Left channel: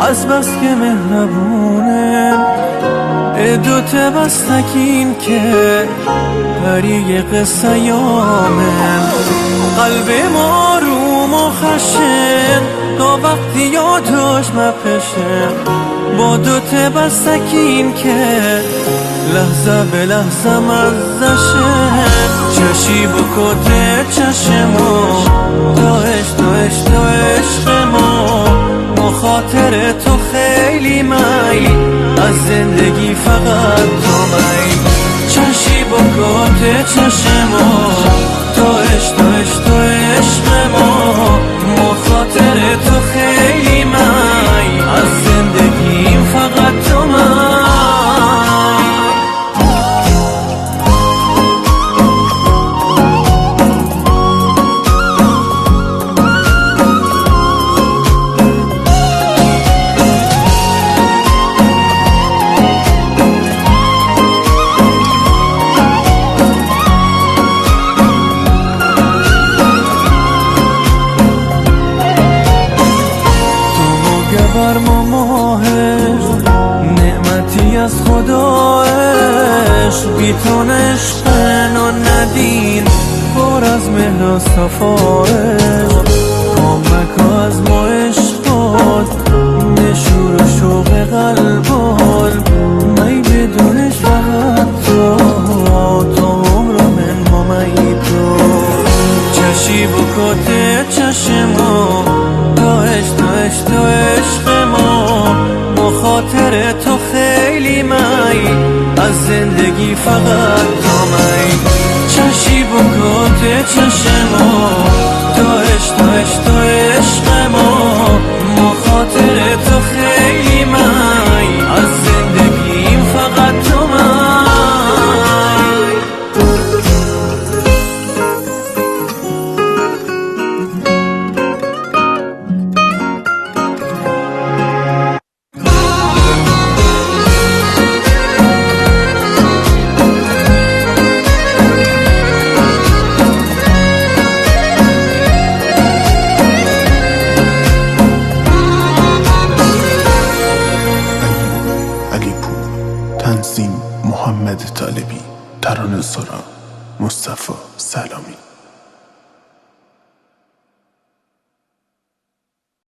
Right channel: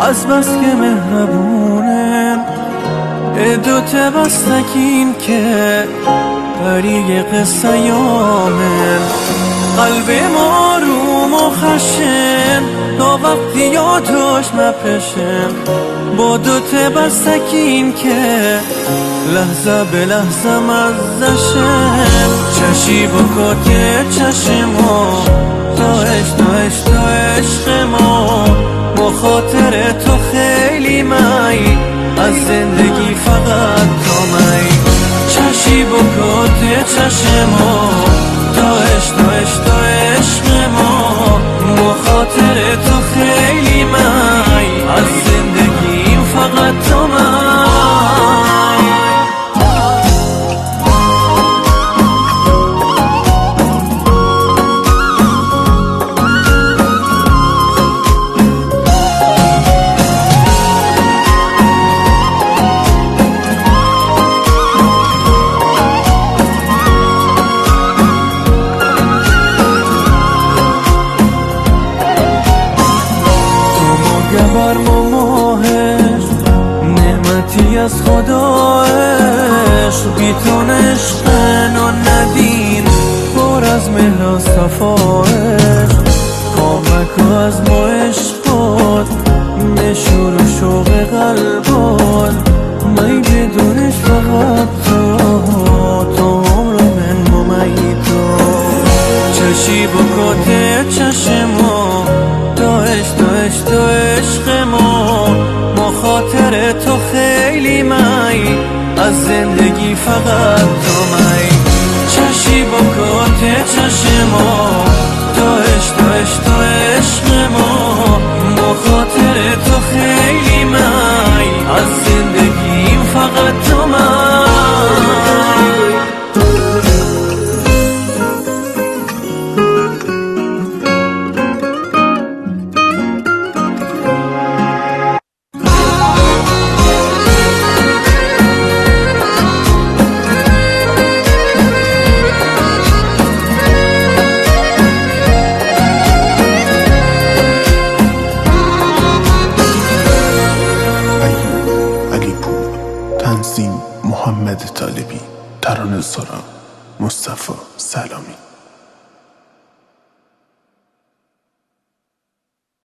از بس که مهربونن دوت بستکین که بری قصه یامن قلب ما آروم و خشن تا وقتی یادش مپشن با دوت بستکین که لحظه به لحظه مزدشن چشی با کت چشمو تا عشق ما خاطر تو خیلی می از زندگی فقط تو می چشی با کت چشمو تا عشق ما خاطر تو خیلی می از زندگیم فقط تو می گبر ما ماهش نعمتی از خدایش بی تو نشقن و ندین پر از مهر و صفایش کامک از ما عشقات مشور و شوق قلبات می بدونش فقط تو عمر من ممی تو چشی با کت چشمو تا عشق ما خاطر تو خیلی می از زندگی فقط تو می چشی با کت چشمو تا عشق ما خاطر تو خیلی می از زندگیم فقط تو می علیپور تنظیم محمد طالبی ترانه‌سرا مصطفی سلامی